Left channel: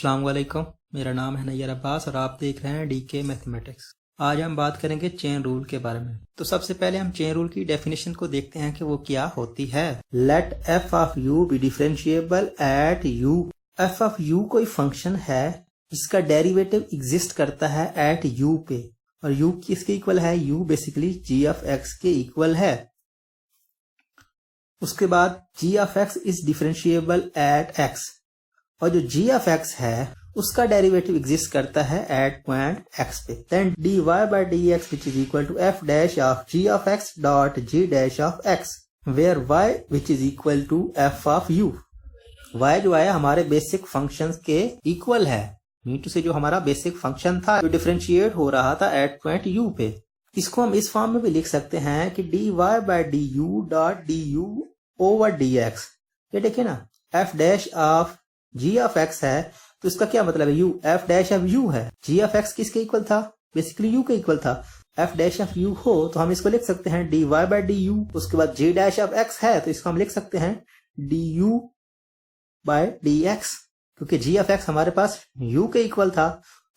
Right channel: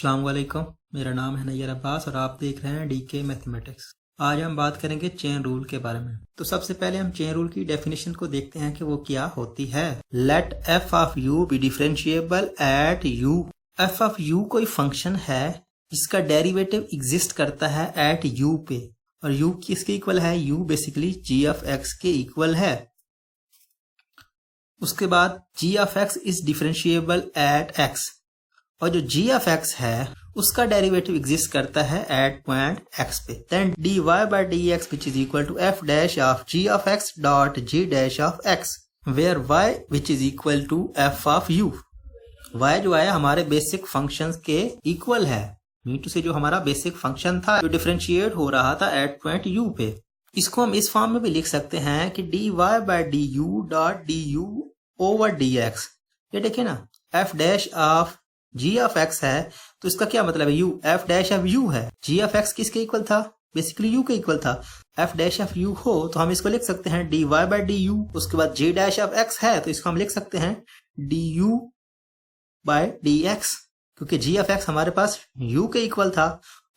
अस्सलाम वालेकुम, मेरा नाम है नैयर अब्बास और आप देख रहे हैं डीके मैथमेटिक्स। आज हम बात करेंगे चेन रूल के बारे में। तो सबसे पहले हम चेन रूल की डेफिनेशन को देखते हैं कि वो क्या होती है। Let f of u be differentiable at u. F of u कोई फंक्शन है, इसका डेरिवेटिव एग्जिस्ट करता है एट यू पे, और यू किसके इक्वल है? U basically G of X के इक्वल है। उसके बाद G of X is differentiable at X, और जो g ऑफ x है उसका डेरिवेटिव एग्जिस्ट करता है एट पॉइंट x पे। Then dy by dx which is equal to f dash of g of x dot g dash of x where y which is equal to f of u। y जो है हमारे basic functions के equal है, me too से जो हमारा basic function था जो डिफरेंशिएट हो रहा था एट पॉइंट u पे। इसको हम इस फॉर्म में भी लिख सकते हैं कि dy by du dot du over dx। ये देखिए ना, f dash of g of x है तो इसका क्या मतलब है? u, f dash of u है। g ऑफ x किसके इक्वल था? बेसिकली u के इक्वल था। f डैश ऑफ u हो तो हम इसको लिख सकते हैं dy by du। उसके बाद g डैश ऑफ x है तो इसको हम लिख सकते हैं du by dx, क्योंकि g ऑफ x हमारे पास u के इक्वल था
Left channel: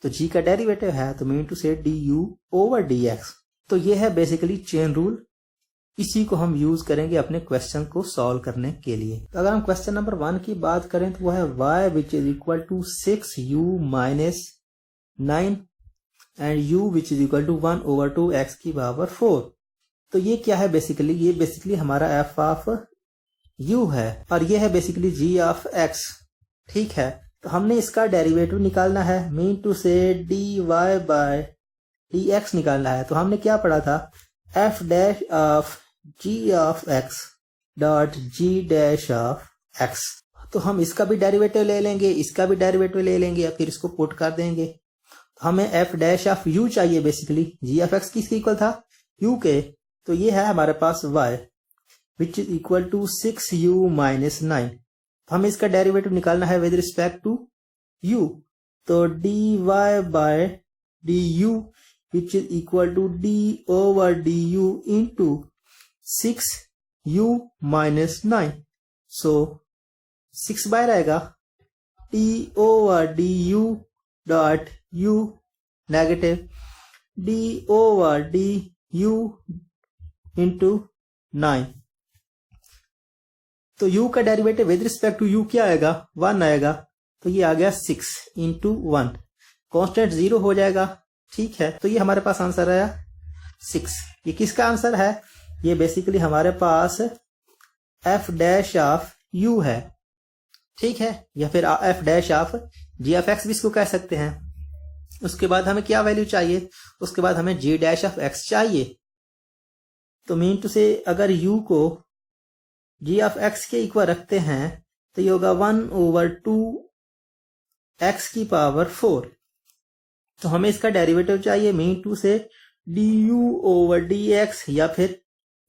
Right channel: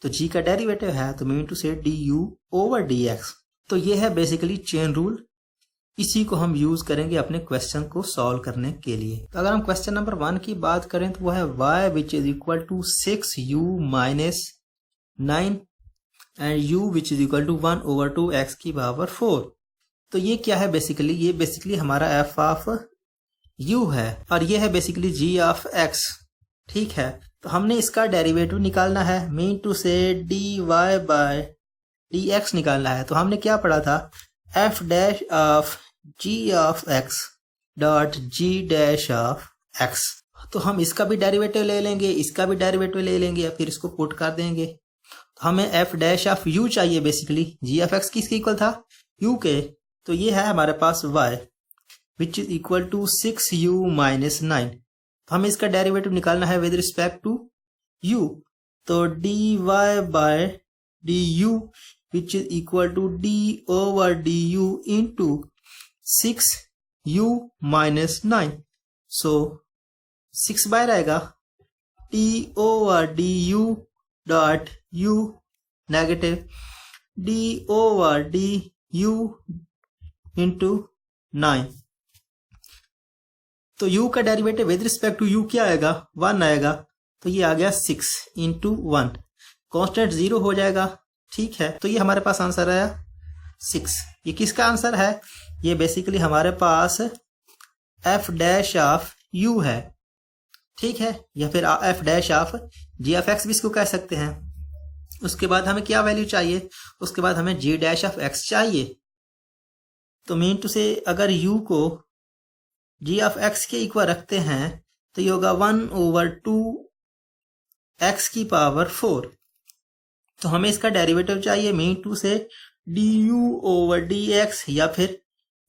तो g का डेरिवेटिव है तो mean to say du over dx। तो ये है बेसिकली चेन रूल। इसी को हम यूज करेंगे अपने क्वेश्चन को सॉल्व करने के लिए। तो अगर हम क्वेश्चन नंबर 1 की बात करें तो वो है y which is equal to 6u minus 9 and u which is equal to 1 over 2 x की पावर 4। तो ये क्या है? बेसिकली ये बेसिकली हमारा f ऑफ u है और ये है बेसिकली g ऑफ x। ठीक है, तो हमने इसका डेरिवेटिव निकालना है, mean to say dy bye dx निकालना है। तो हमने क्या पढ़ा था? f dash of g of x dot g dash of x। तो हम इसका भी डेरिवेटिव ले लेंगे, इसका भी डेरिवेटिव ले लेंगे, फिर इसको पुट कर देंगे। तो हमें f डैश ऑफ u चाहिए, बेसिकली g ऑफ x किसके इक्वल था? u के। तो ये है हमारे पास y which is equal to 6u minus 9। तो हमें इसका डेरिवेटिव निकालना है विद रिस्पेक्ट टू u। तो dy by du which is equal to d over du into 6u minus 9। so 6 bye रहेगा d over du dot u negative d over du into 9। तो u का derivative with respect to u क्या आएगा? 1 आएगा। तो ये आ गया 6 into 1, constant 0 हो जाएगा। ठीक है, तो ये हमारे पास आंसर आया 6। ये किसका आंसर है? ये बेसिकली हमारे पास f डैश ऑफ u है। ठीक है, या फिर f dash of g of x भी इसको कह सकते हैं। उसके बाद हमें क्या वैल्यू चाहिए? उसके बाद हमें g डैश ऑफ x चाहिए। तो मीन टू से अगर u को g ऑफ x के इक्वल रखते हैं तो ये होगा 1 ओवर 2 x की पावर 4। तो हमें इसका डेरिवेटिव चाहिए, mean to say du over dx या फिर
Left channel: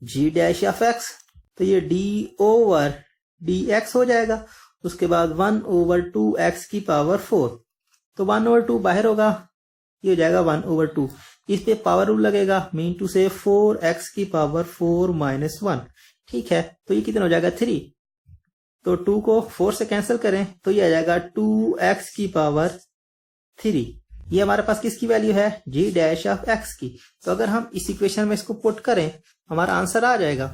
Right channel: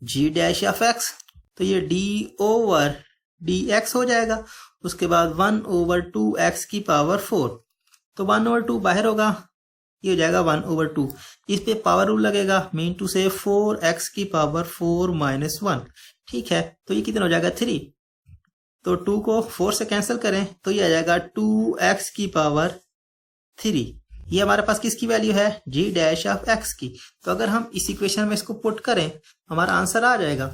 g डैश ऑफ x। तो ये d ओवर dx हो जाएगा। उसके बाद 1 ओवर 2x की पावर 4। तो 1 ओवर 2 बाहर होगा, ये हो जाएगा 1 ओवर 2। इस पे पावर रूल लगेगा, मीन टू से 4x की पावर 4 माइनस 1। ठीक है, तो ये कितना हो जाएगा? 3। तो 2 को 4 से कैंसिल करें तो ये आ जाएगा 2x की पावर 3। ये हमारे पास किसकी वैल्यू है? g डैश ऑफ x की। तो अगर हम इस इक्वेशन में इसको पुट करें हमारा आंसर आ जाएगा।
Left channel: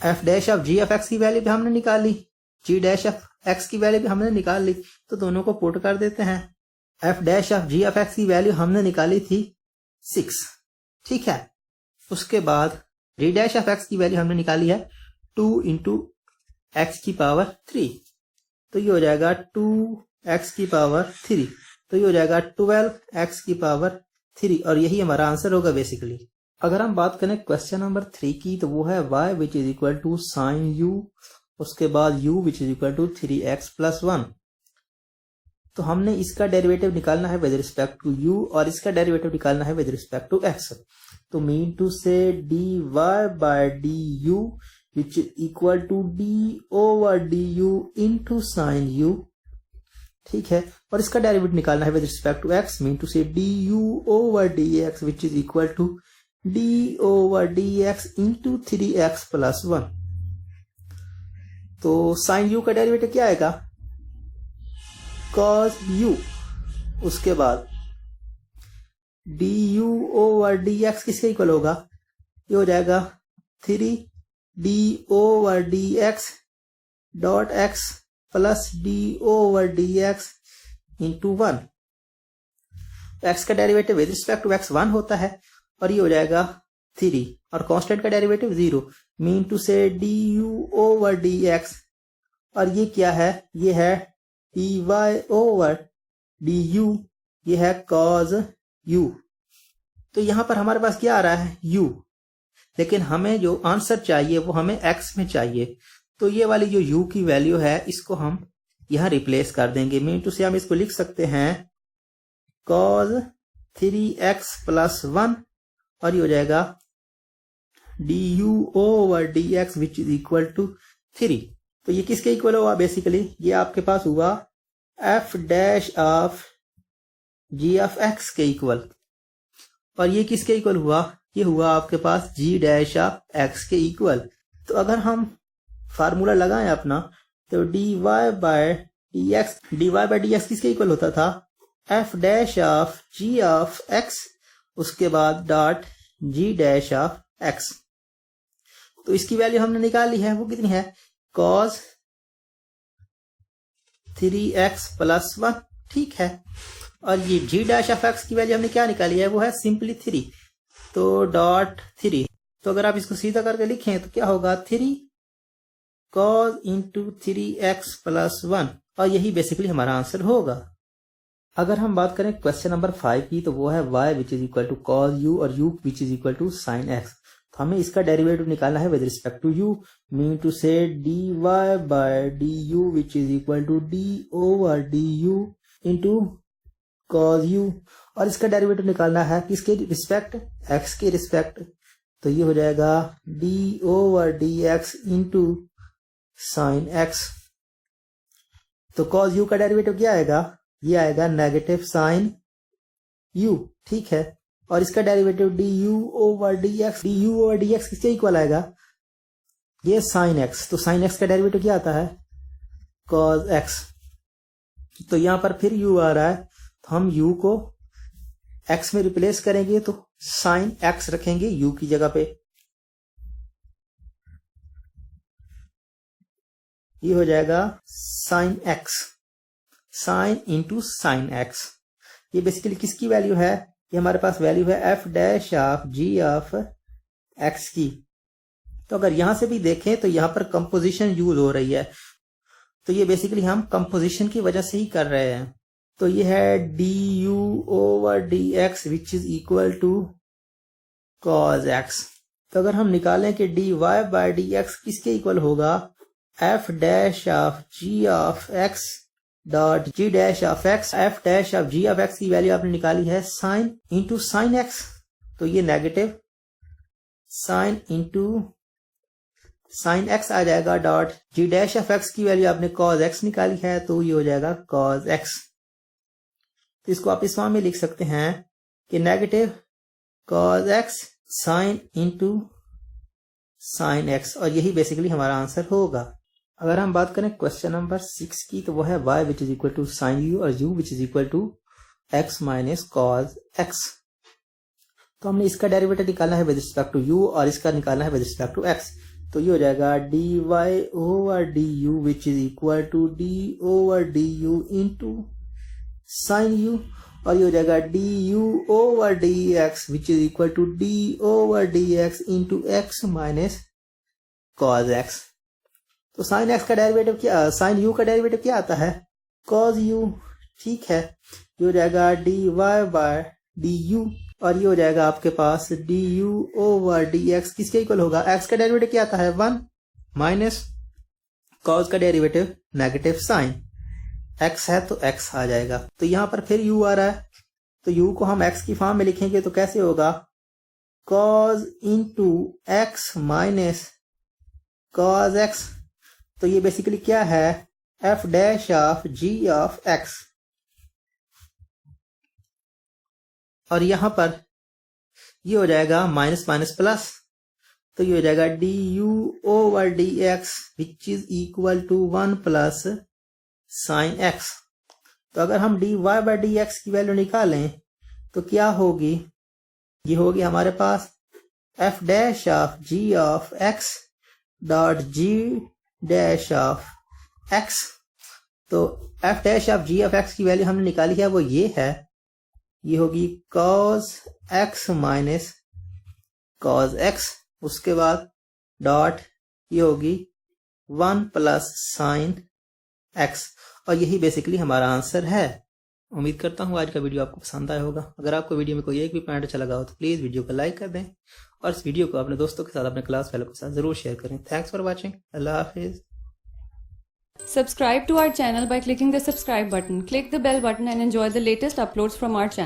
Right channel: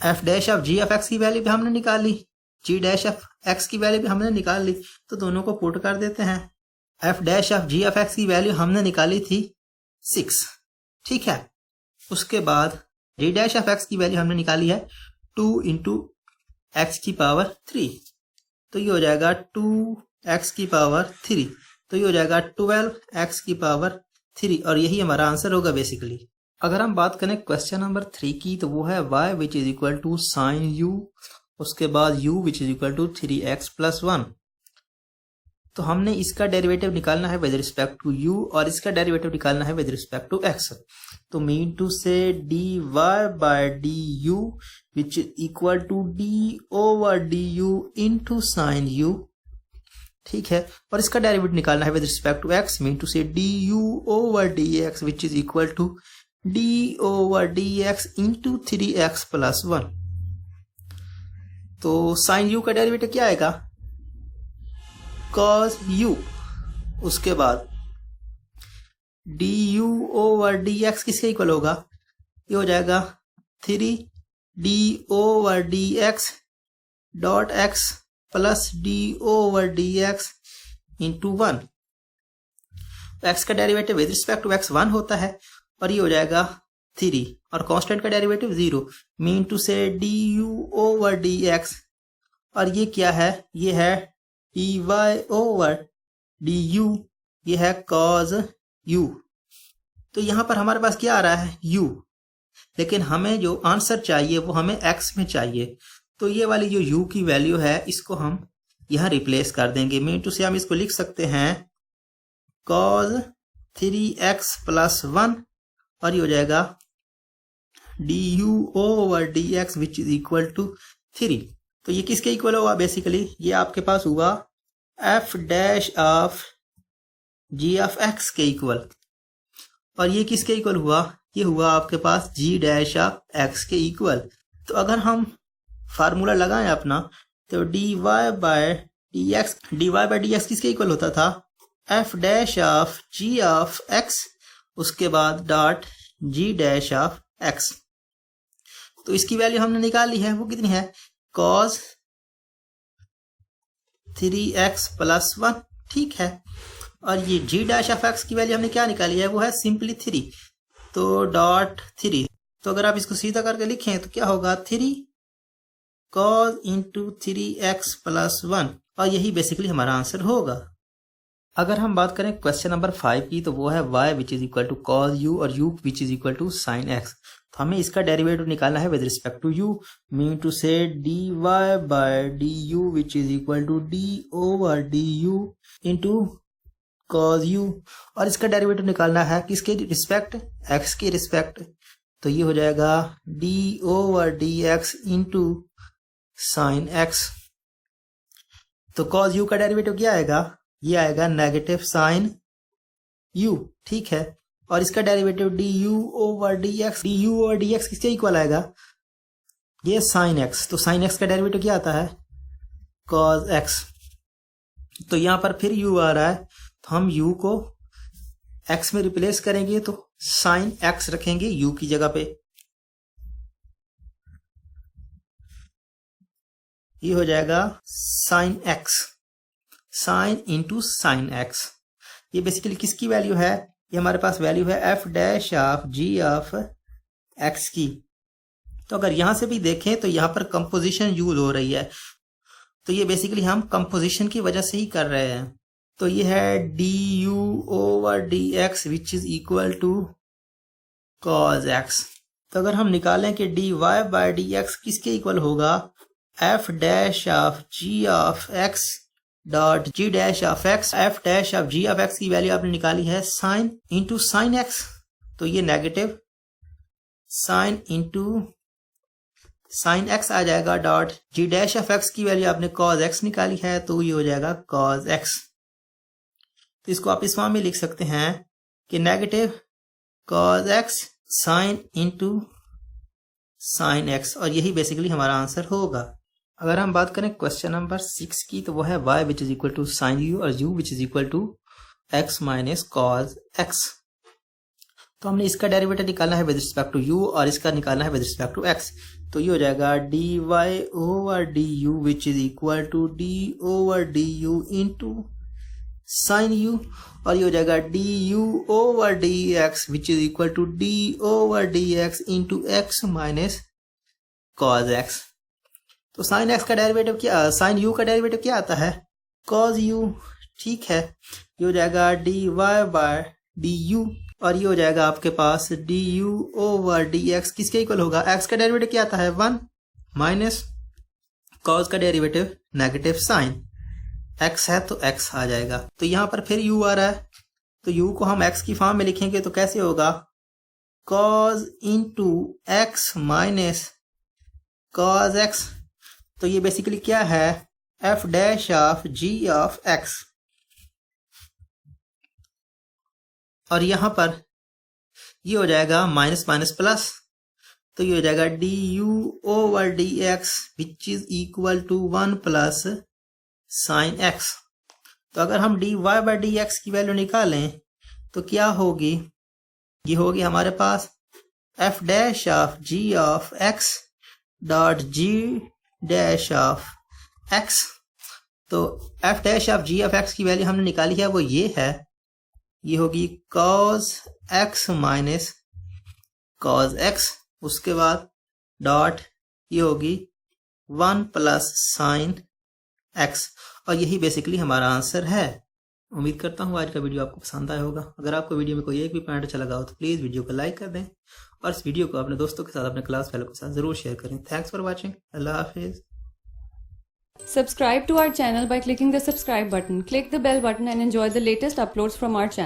f dash of g of x की वैल्यू भी हमने निकाल ली, g डैश ऑफ x की वैल्यू भी हमने निकाल ली। तो दोनों को पुट कर देते हैं। f dash of g of x की वैल्यू हमने निकाली थी 6। ठीक है, उसके बाद g डैश ऑफ x की वैल्यू हमने निकाली है 2 इंटू x की पावर 3। तो ये हो जाएगा 2x की पावर 3। तो ये हो जाएगा 12x की पावर 3, और यही हमारा आंसर होगा बेसिकली। अगर हम बात करें क्वेश्चन नंबर 3 की तो वो है y which is equal to sine u, उसके बाद u which is equal to 3x plus 1। तो हमने इसका डेरिवेटिव निकालना है विद रिस्पेक्ट टू u और इसका डेरिवेटिव निकालना है विद रिस्पेक्ट टू x। तो mean to say dy by du which is equal to d over du into sine u। ठीक है, और इसका डेरिवेटिव निकालना है with respect to x, mean to say du over dx which is equal to d over dx into 3x plus 1। तो sign u का derivative क्या आएगा? कॉज यू, उसके बाद D U over D X किसके इक्वल होगा, ये हो जाएगा 3d/dx dot X plus d/dx into 1। X का derivative with respect to X 1 होता है और ये हो जाएगा 3 और कांस्टेंट का डेरिवेटिव 0, मीन टू से du/dx और ये क्या है, ये है dy/du, ये है cos u। तो यहां पर हमारे पास क्या आ रहा है u, लेकिन हमें जो आंसर चाहिए वो हमें x में चाहिए। तो ये वाली जो u की वैल्यू है इसको हम यहां रिप्लेस कर देंगे, मीन टू से हम इसको लिख सकते हैं cos 3x + 1 और ये हो जाएगा du/dx which is equal to 3। तो ये किसके इक्वल हुआ, बेसिकली ये आपके पास हुआ f dash of g of x के इक्वल, और ये किसके इक्वल हुआ, ये हुआ आपके पास g डैश ऑफ x के इक्वल। तो अगर हम फार्मूला लगाएं अपना, तो dy/dx किसके इक्वल होता था, f dash of g of x, उसके बाद dot g dash of x। तो इसकी वैल्यू हमने निकाल ली है, वो कितनी है, cos 3x + 1, ठीक है। और ये g डैश ऑफ x की वैल्यू हमने क्या निकाली है, वो है सिंपली 3, तो डॉट 3। तो अगर आप इसको सीधा करके लिखें तो क्या होगा, 3 cos इंटू 3x + 1, और यही बेसिकली हमारा आंसर होगा। अगर हम बात करें क्वेश्चन नंबर 5 की, तो वो है y which is equal to cos u और u which is equal to sin x। तो हमें इसका डेरिवेटिव निकालना है with respect to u, mean to say dy/du which is equal to d/du into cos u, और इसका derivative निकालना है किसके रिस्पेक्ट, x के रिस्पेक्ट। तो ये हो जाएगा d/dx इंटू sin x। तो cos u का डेरिवेटिव क्या आएगा, ये आएगा नेगेटिव साइन u, ठीक है। और इसका डेरिवेटिव du/dx, du/dx किसके इक्वल आएगा, ये sin x। तो sin x का डेरिवेटिव क्या आता है, cos x। तो यहां पर फिर u आ रहा है, तो हम u को x में रिप्लेस करेंगे, तो sin x रखेंगे u की जगह पे। ये हो जाएगा sin x, sin into sin x। ये बेसिकली किसकी वैल्यू है, ये हमारे पास वैल्यू है f dash of g of x की। तो अगर यहां से भी देखें तो यहां पर कंपोजिशन यूज हो रही है, तो ये बेसिकली हम कंपोजिशन की वजह से ही कर रहे हैं। तो ये है du/dx which is equal to cos x। तो अगर हम निकालें कि dy/dx किसके इक्वल होगा, f dash of g of x dot g dash of x। f dash of g of x की वैल्यू आपने निकाली है sin इंटू साइन x, तो ये negative sin into sine x आ जाएगा, dot g dash of x की value आपने cos x निकाली है, तो ये हो जाएगा cos x। तो इसको आप इस फॉर्म में लिख सकते हैं कि negative cos x sin into sine x, और यही बेसिकली हमारा आंसर होगा। अगर हम बात करें क्वेश्चन नंबर 6 की, तो वो है y which is equal to sine u और u which is equal to x minus cos x। तो हमने इसका डेरिवेटिव निकालना है विद रिस्पेक्ट टू u और इसका निकालना है विद रिस्पेक्ट टू x। तो ये हो जाएगा dy/du which is equal to d/du into sine u, और ये हो जाएगा du/dx which is equal to d/dx into x minus cos x। तो साइन x का डेरिवेटिव क्या, साइन u का डेरिवेटिव क्या आता है, cos u, ठीक है। ये हो जाएगा dy/du, और ये हो जाएगा आपके पास du/dx किसके इक्वल होगा, x का डेरिवेटिव क्या आता है 1 माइनस cos का डेरिवेटिव नेगेटिव साइन, x है तो x आ जाएगा। तो यहां पर फिर u आ रहा है, तो u को हम x की फॉर्म में लिखेंगे तो कैसे होगा, cos into x minus cos x। तो ये बेसिकली क्या है, f dash of g of x, और यहां पर ये हो जाएगा माइनस माइनस प्लस, तो ये हो जाएगा du/dx which is equal to 1 plus sine x। तो अगर हम dy बाई डी एक्स की वैल्यू निकालें तो क्या होगी, ये होगी हमारे पास f dash of g of x dot g dash of x। तो f dash of g of x की वैल्यू हमने निकाली है, वो ये है, ये होगी cos x minus cos x, उसके बाद डॉट ये होगी 1 प्लस साइन x, और यही बेसिकली हमारा आंसर है। उम्मीद करता हूँ आज का वीडियो आपको पसंद आया होगा। अगर आपको वीडियो में कोई एक भी पॉइंट अच्छा लगा हो तो प्लीज़ वीडियो को लाइक कर दें और इस वीडियो को अपने दोस्तों के साथ, अपने क्लास फेलो के साथ ज़रूर शेयर करें। Thanks for watching. अल्लाह हाफिज़। Subscribe to our channel by clicking the subscribe button. Click the bell button and enjoy the latest uploads from our channel.